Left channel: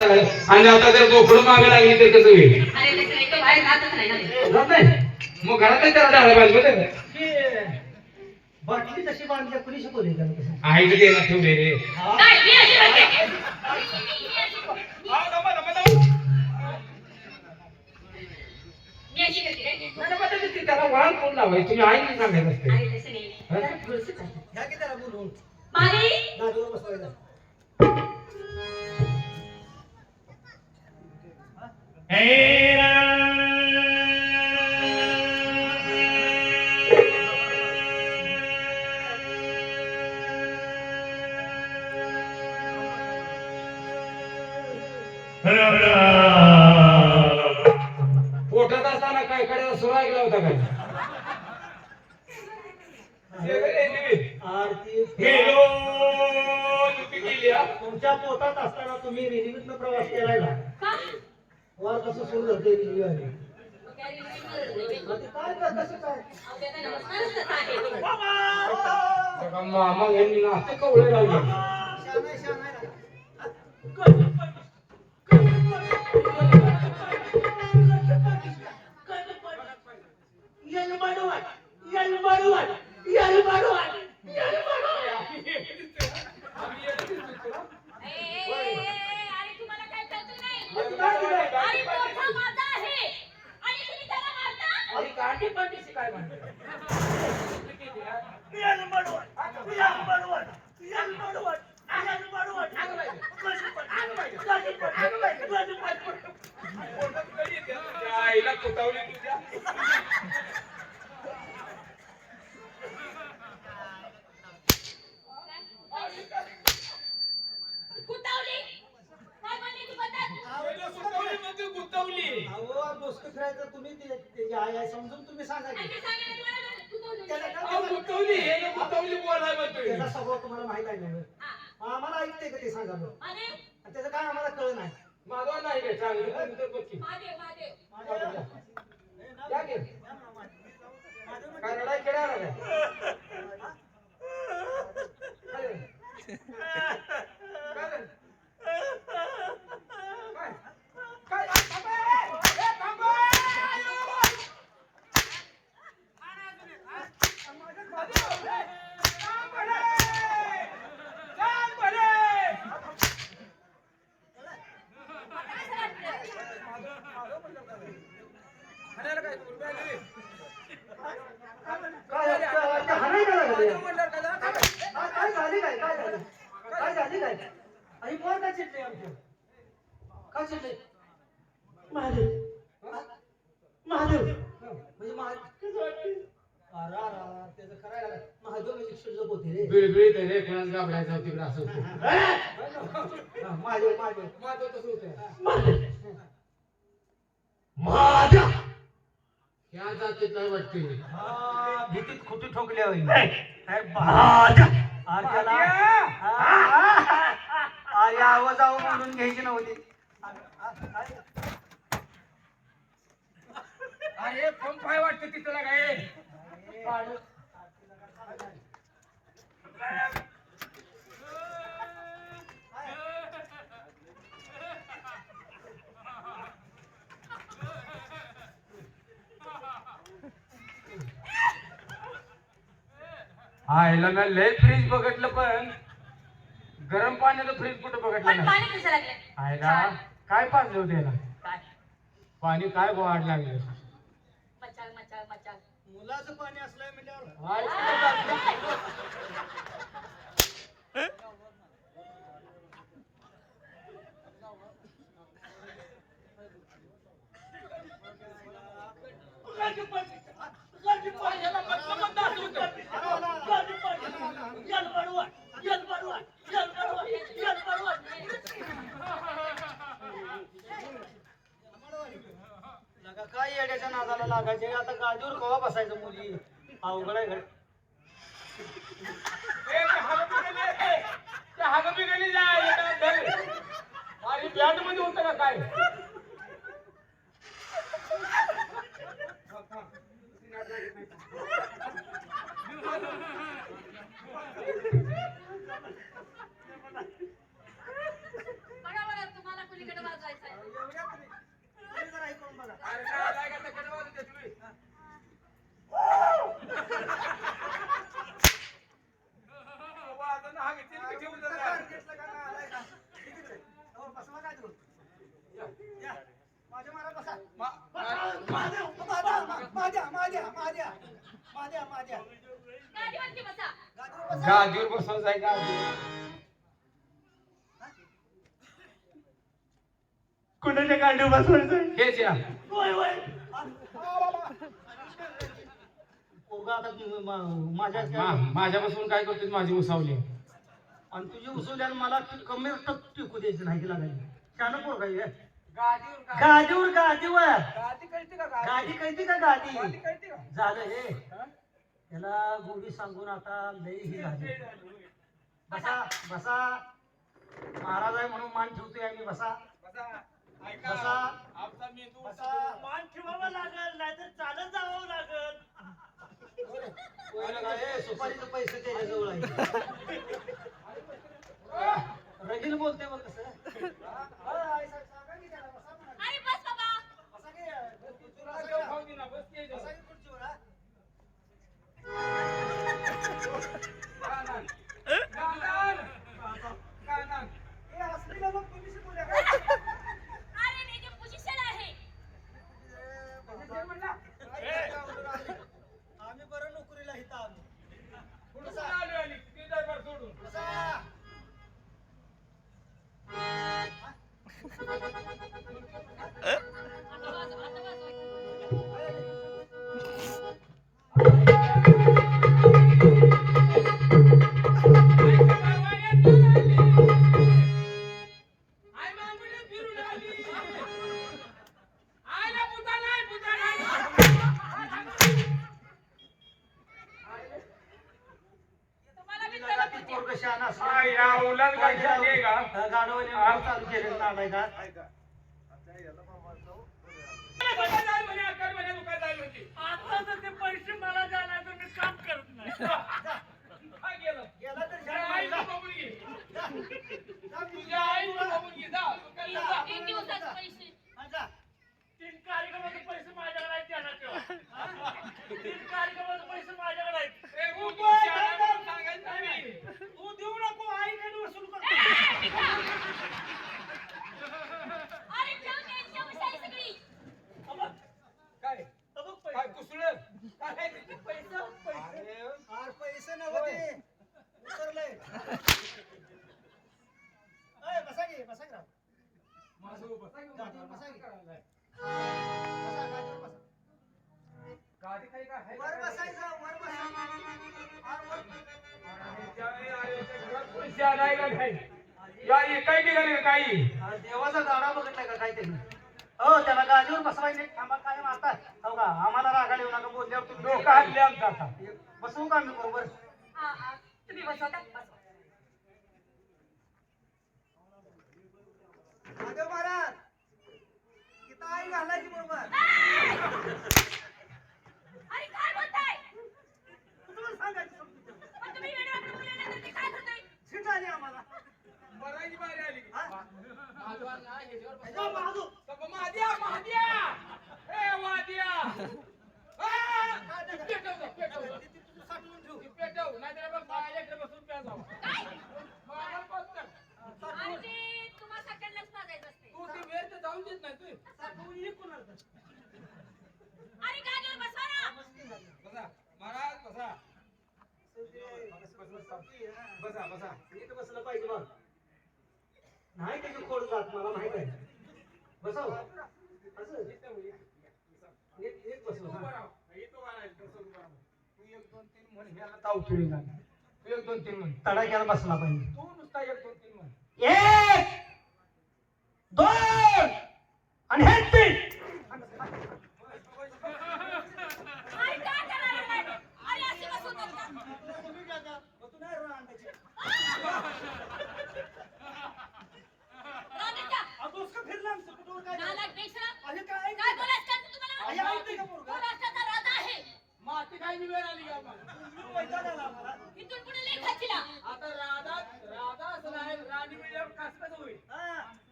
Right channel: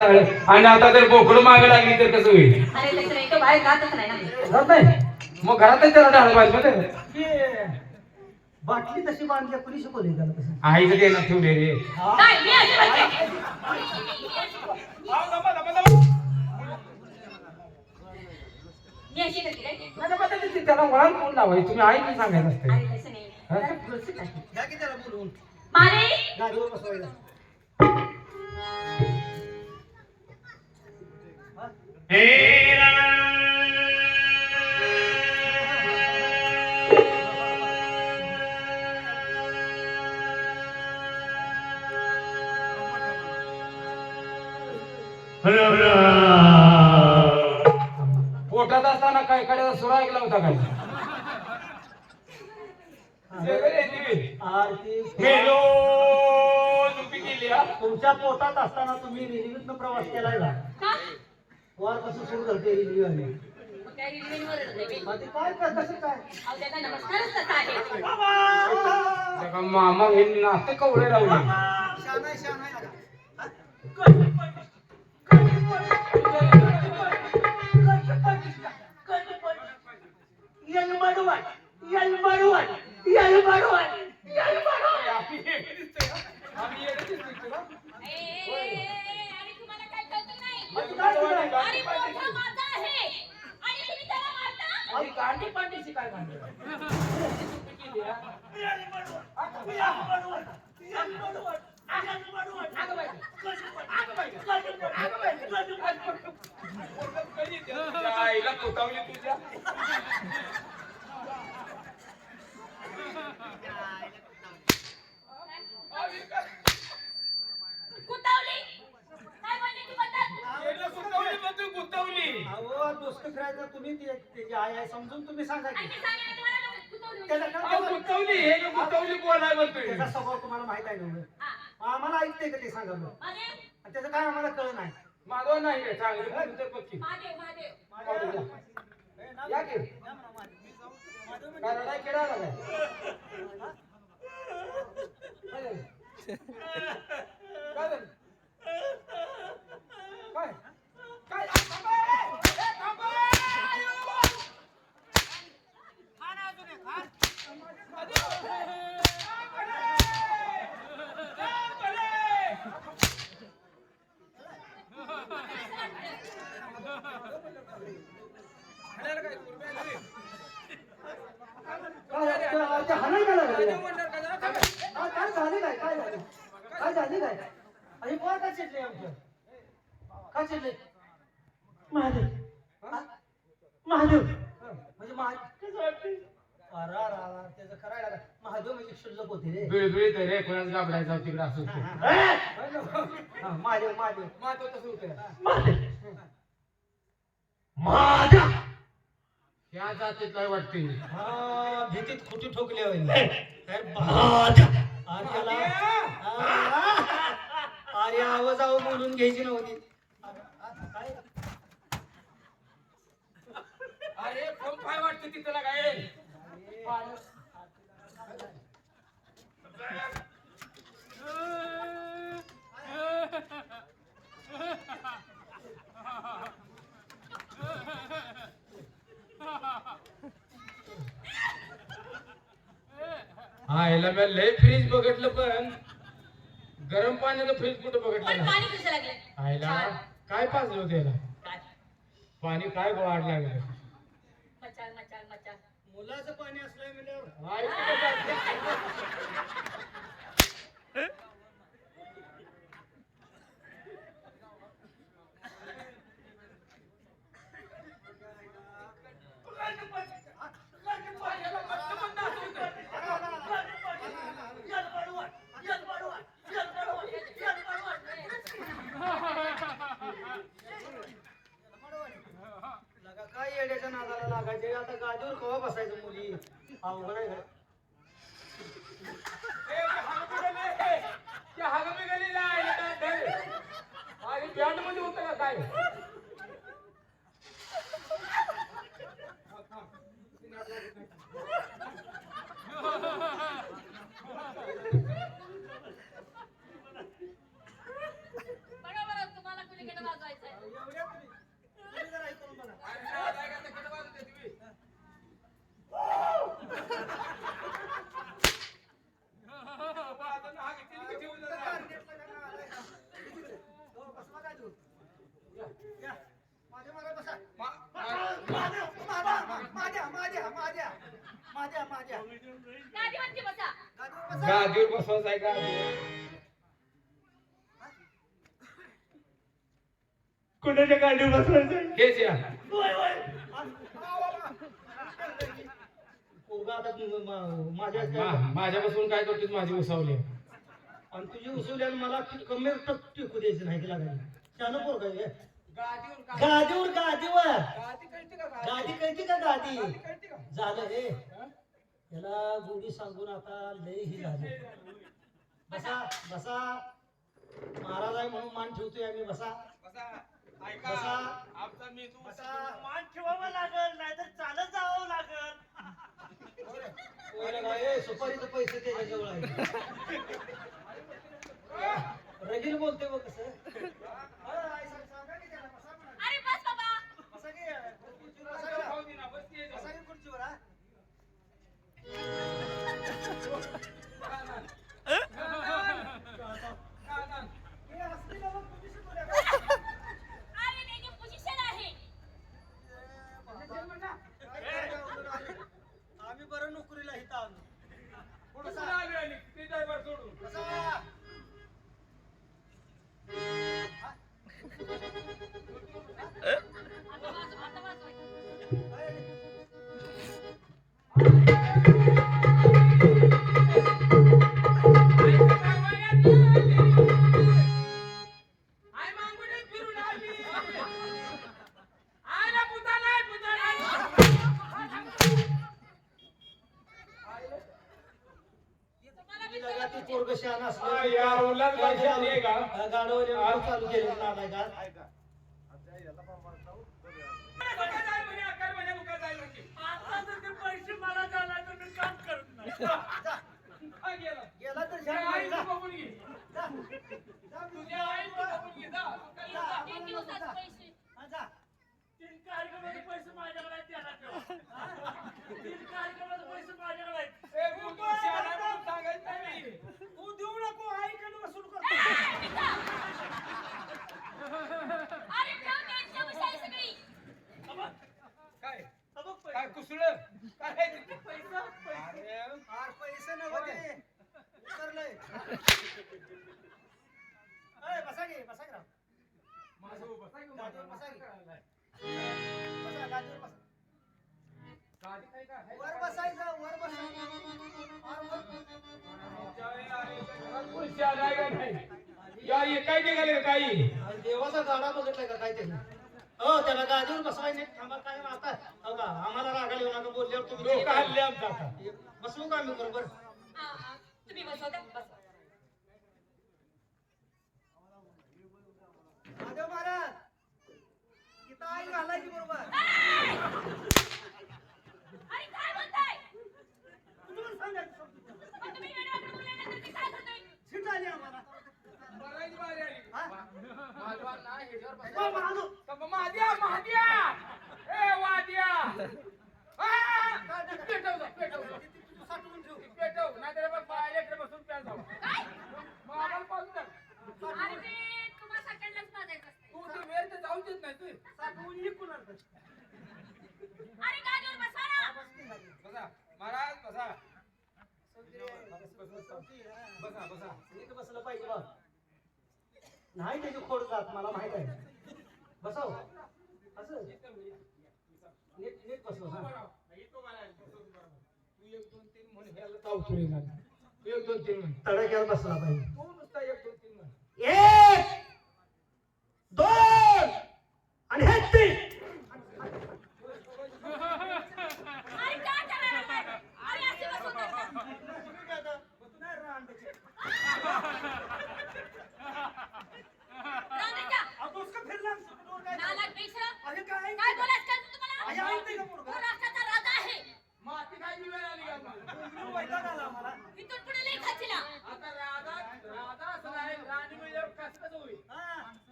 आणि आता जर बोकड मागे लागली तर कसं होईल? अरे तसं नाही तो बाहेर जातच नाही ना जात नाही? मग घरातच त्याला डाळ पाहिजे बाटली तशी बांधली कुणी शिकवली त्याला कसं आईचं ते ना ठेवले रे. काय मी अशी म्हणते. मी अशी करते काय? नाही, नाही, मग ते- ते- त्याला वळण कोण लावायचं? तुम्ही आई की सांगायचं असते. अरे घ्या की त्याला बोलवून गाडीवर बसवायला पोटात असताना काय कडे सुरा ऐकला होता काय? आरती हा. तुमच्या पोटात असताना तुम्ही रेल्वेतनं प्रवास केलाय ना? का? वार कसं सुरू झाले रेल्वे आली मग काय रेल्वेवरच आहे बे. मग ते काय का कसं काय? अहो, त्यांना नमस्कारच आहे. मामा हे नाते कवळे राहू शानाय शानाय लागा ए, ए, ए, ए, अरे तुम्हाला काय कळतं नाही मग तू काय केलं? अरे मोठा माझा आहे आणि तुम्ही त्याला मारता आणि गांडी पांडीची काय मांडली आईला कुतावली तुझ्या कुतावली काय म्हणली ती म्हणजे गुतवली. अहो डोसकं फिरायचं तुम्ही ते त्याची आई आहे समजून तुम्ही सांगा आणि की सांगितलं तुम्हाला त्याला होती. अहो? गुतवली हे ना गुतवली बोलाय म्हणतोय त्याचा स्वभाव तुम्हाला माहीत आहे ना हा. आम्हाला ऐकते का ते सांगा बरं आणि त्याचं काय आम्हाला कळ नाही? माधव नाही रे चांगलं तू तर बघ महादेव महादेव माधव या की. काय रडाय खेळा आला काय काय झालं? काय झालं? काय? काय? आ, थांबा! ए, थांबा! आयो! माधव! जाम भले! जाम भले! हाणायला काय तू? रुपये आले रे. काय अरे ते हाणायला लागले माधव म्हणल्यावर काय झालं? थांबा. हा, काय झाले काय काय झालं काय झाले काय आणि पोर काय चिडले आमचं काय चिडले महादेव हा? महादेव म्हणजे महादेव अरे अरे अरे त्याचं करायला काय महादेव म्हणजे क्षुल्लक होते रे बिळबिळीत आहे रे कोणाच गाबडायचा तिकडे असं होतं. हा, महादेव महादेव माधव तसं होतं महादेव महादेव या जातीतला वाटते हा भीतीत खुटी ठोकल्या होईल त्याला हा. अरे आवाज आव बोलून घ्यायची नव्हती अरे, कोण काय वाटतं तिथं ना काय हा याला मी लय फ्रीज बघितलं पण गरम पाण्याचं फ्रीज कुठं बघितलं पण नाही. पाणी कसं लागलं. आयला काय पाजलं होतं याला? काय? पाणी काय वाढ लागले? मुलाचं पाणी असलंय म्हणल्यावर नका काय येड्याच्या नादाला लागायचे? आता गादीवर कवा बसायचं मुली? अवघड आहे घडमध्ये होतं का काय? माझ्या मारा बसा मा- माझ्या माझ्या माझ्या माझ्या माझ्या माझ्या माझ्या गाडीवरती बसा गादीवर गादीवर कुणाच्या गांडीव बसवायचं हेच या माझ्या माझ्यापासून काय करतोय माझी उसावली. आणि तुझी उचलल्यानं मला कमी टप टिकू द्यायचं नाही तिला काही. शान पोर काय आहे? गादीवर गादीवर गादी कळते का गादी? कळती का गादी? कळते का? झालं हे. याला गोडी सांगून आता लय ही झाली. बसा बसा. महाराज आहे म्हणून मान ठेवतोय आम्ही. बसा. बसा. ऐका बसा. आमचा मेंदू बसा. मान ठेवावं लागल नाहीतर चालत जावं लागल. कोणाला काय, ए, सुपारीचे पैसे त्याच्याजवळ आहे. रगील बोलते बघ कसं. चालू केलेलं नालाय शहाणा आहे का नाही? या काही निघाले का काही? देवाचा गाडा बघितलाय का काय त्यांनी हो त्याला गादीवर बसवायचे नाही. थांबा काय आता? हो का? आम्हाला रागाला येऊ नका बोलल्यावर तुम्ही डोकं हल्ले आमचं आता. बसवू का आम्ही बरोबर? तुम्ही बसवता? बसवा. महाराज इथं आई घालायची बरोबर अरे काय बोलताय तुम्हाला सांगायचं समजून घ्या. मग तुम्ही वेळेवर बोलल्यानंतर मी काय करतोय सीट आली आम्हाला बरायची बारी आली? माझा ना ह्याच्यावर बस. महादेव. तब महाद्या महाद्या ए वाद्या आ! काय नका. पेटव जा, पेटव जा. ती- ती तुझी साठवून ठेव. पेटव नाहीतर बघ माझ्याकडे बसून प्या जावा मग आम्हाला पाहून टाक. अरे ते तुम्हा सगळ्यांनाच माझायचं असते तू ती वेळ तर जाऊ देत नाही तू साठवून आणतात. अरे गाडीवर बसा ना बस की खाली. बसा महाराज बसा चौकी आहे. चौकी, हा. बसा बसा. नीट बसलं पाहिजे बा नाही त्याची खोड जात मला माहीत आहे. बसाव. असं. नीट नीट बसव हा. तू एक दोन तीन म्हण ह्याला तावतो रे गाणं. तू एक दोन तीन म्हण. तडाख्याला बसला पाहिजे. तू नुसता एक दोन तीन म्हण. एक दोन आणि हे तीन अरे काय करायला लागलाय? अरे अशी बसवतात का? राहू दे का? नालायक बेशरम. काय बोलायचं का तुम्हाला? आई ऐकते का पोरगं? तो राष्ट्राचा राजा आहे माती काय वेळ आली का आम्हाला? इथून पुढे लई खाचीला. आता राधा राधा असं आहे राणी मिळल्यावर कसं कसं होईल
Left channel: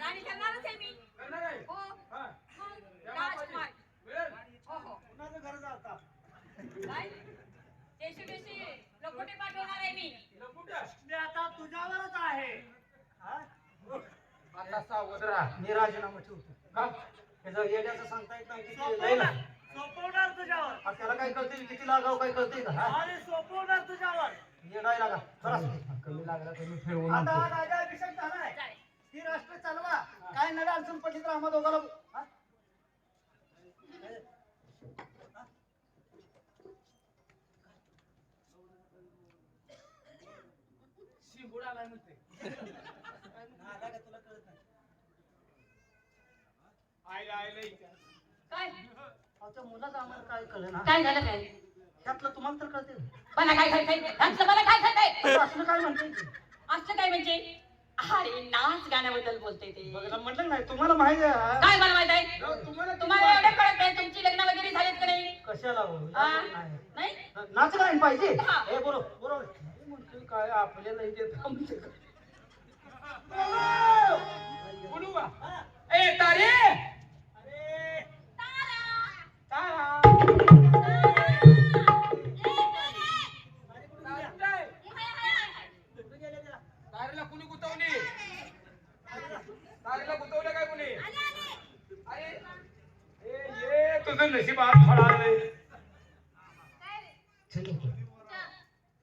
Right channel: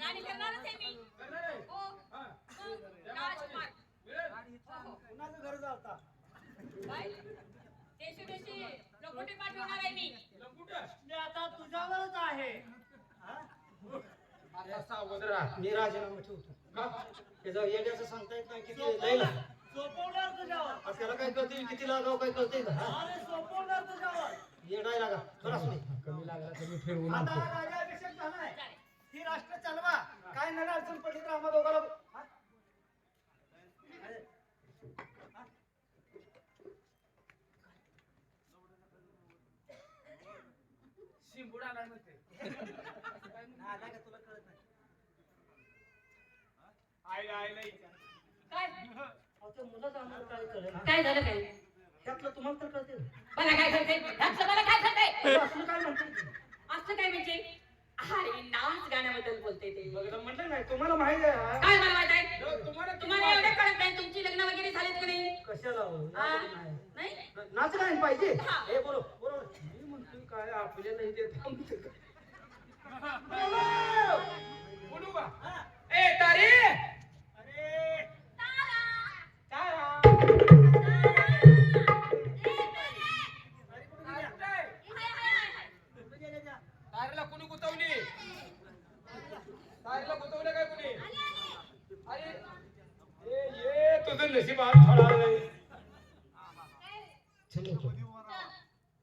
राणी करणारच आहे मी करणार आहे हो हा. मग राजकुमार मिळेल? हो हो काय देशी देशी लकोटे पाठवणार आहे. आता सावध राहा. मी राजीनामा ठेवतो. का? त्याचं येड्याचं सांगता येत नाही किती लय सोपवणार लागेल. सोपवणार तुझ्यावर. आ, त्याला काय कळते किती लागाव काय कळते का? हा? अरे सोपवणार तुझ्यावर. येडाय लागा. चला कमी लागला तर मी फिरवून आता आणतो. राजाभिषेक झालाय. जाय. ही राष्ट्र चालवा. काय नव्या अडचण पडली तर आम्हा दोघाला हा? शिंबूड आलाय म्हणते नादा का तुला कळत नाही आयला आयला इथे. काय अहो, त्या मुलाचं आम्हाला काय कळलं ना काय झालं काय त्यातलं तुम्हाला तर कळते मला काय काय काय मला काय काय असलं काय म्हणते असं काय म्हणजे अरे नाच गाण्याबद्दल बोलते ते बघा, म्हटलं नाही तुम्हाला माहिती आहे हा? काय मला माहीत आहे जाऊ, तुम्हाला तुम्हाला एवढं कळत नाही तुमची लग्न वगैरे झालेत का नाही कशाला हो? हा? नाही. नाही नाच गायन पाहिजे हा. हे बरोबर बरोबर मी म्हणतोय काय आपल्याला इथे थांबते का? बोलू का? हा. ए तारे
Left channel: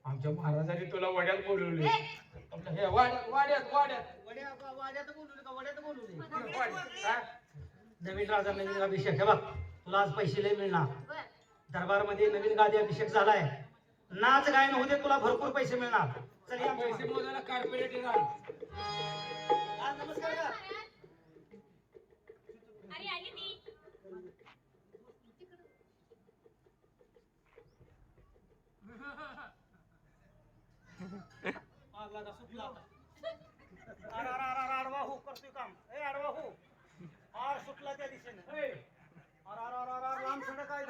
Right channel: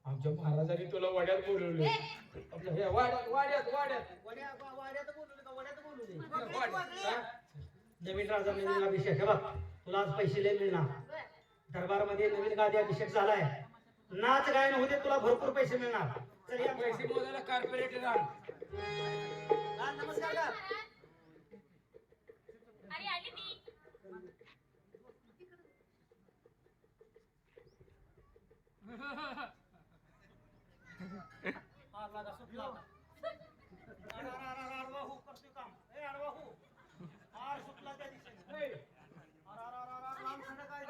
आमच्या महाराजांनी तुला वड्यात बोलवले. हे वाड्यात वाड्यात वाड्यात. वड्या वाड्यात बोलवले का वड्यात बोलू वाड्यात हा? नवीन राजा नवीन अभिषेक. हे बघ तुला आज पैसे लय मिळणार. दरबारमध्ये नवीन गादी अभिषेक झालाय नाच गायन होते तुला भरपूर पैसे मिळणार चल या. पैसे मोजायला कार्पोरेट येणार नमस्कार का? अरे आली मी हा, लागा, सुटला आता. अरे, अरे, अरे, अरे, अडवा हो, करतोय काम. ए, हो. आर सुटला त्या दिशेने. ए, अरे, अरे, अरे, अरे, अरे, काय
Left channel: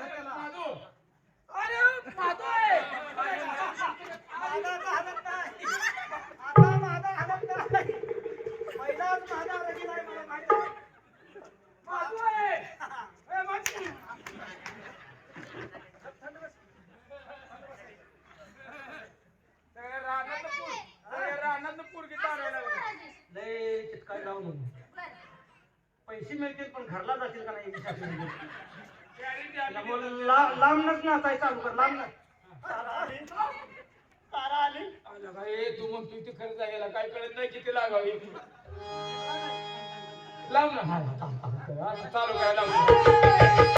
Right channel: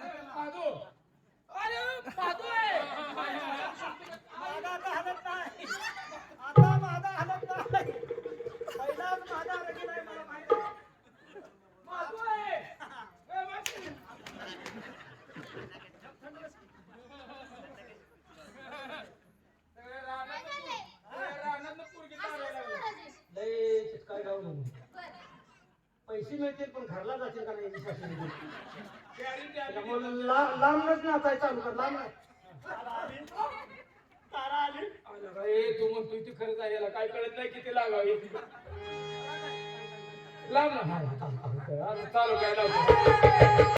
पैसे मिळतील पण घरला जातील का नाही लांबनच नाचाय चालू कर लांबनच. तारा आली. तारा आली. आलं बाई, तू म्हणतोय ते खरंच आहे याला काय कळत नाही किती लागावी ती. लाव ना. चालू काय लावतो.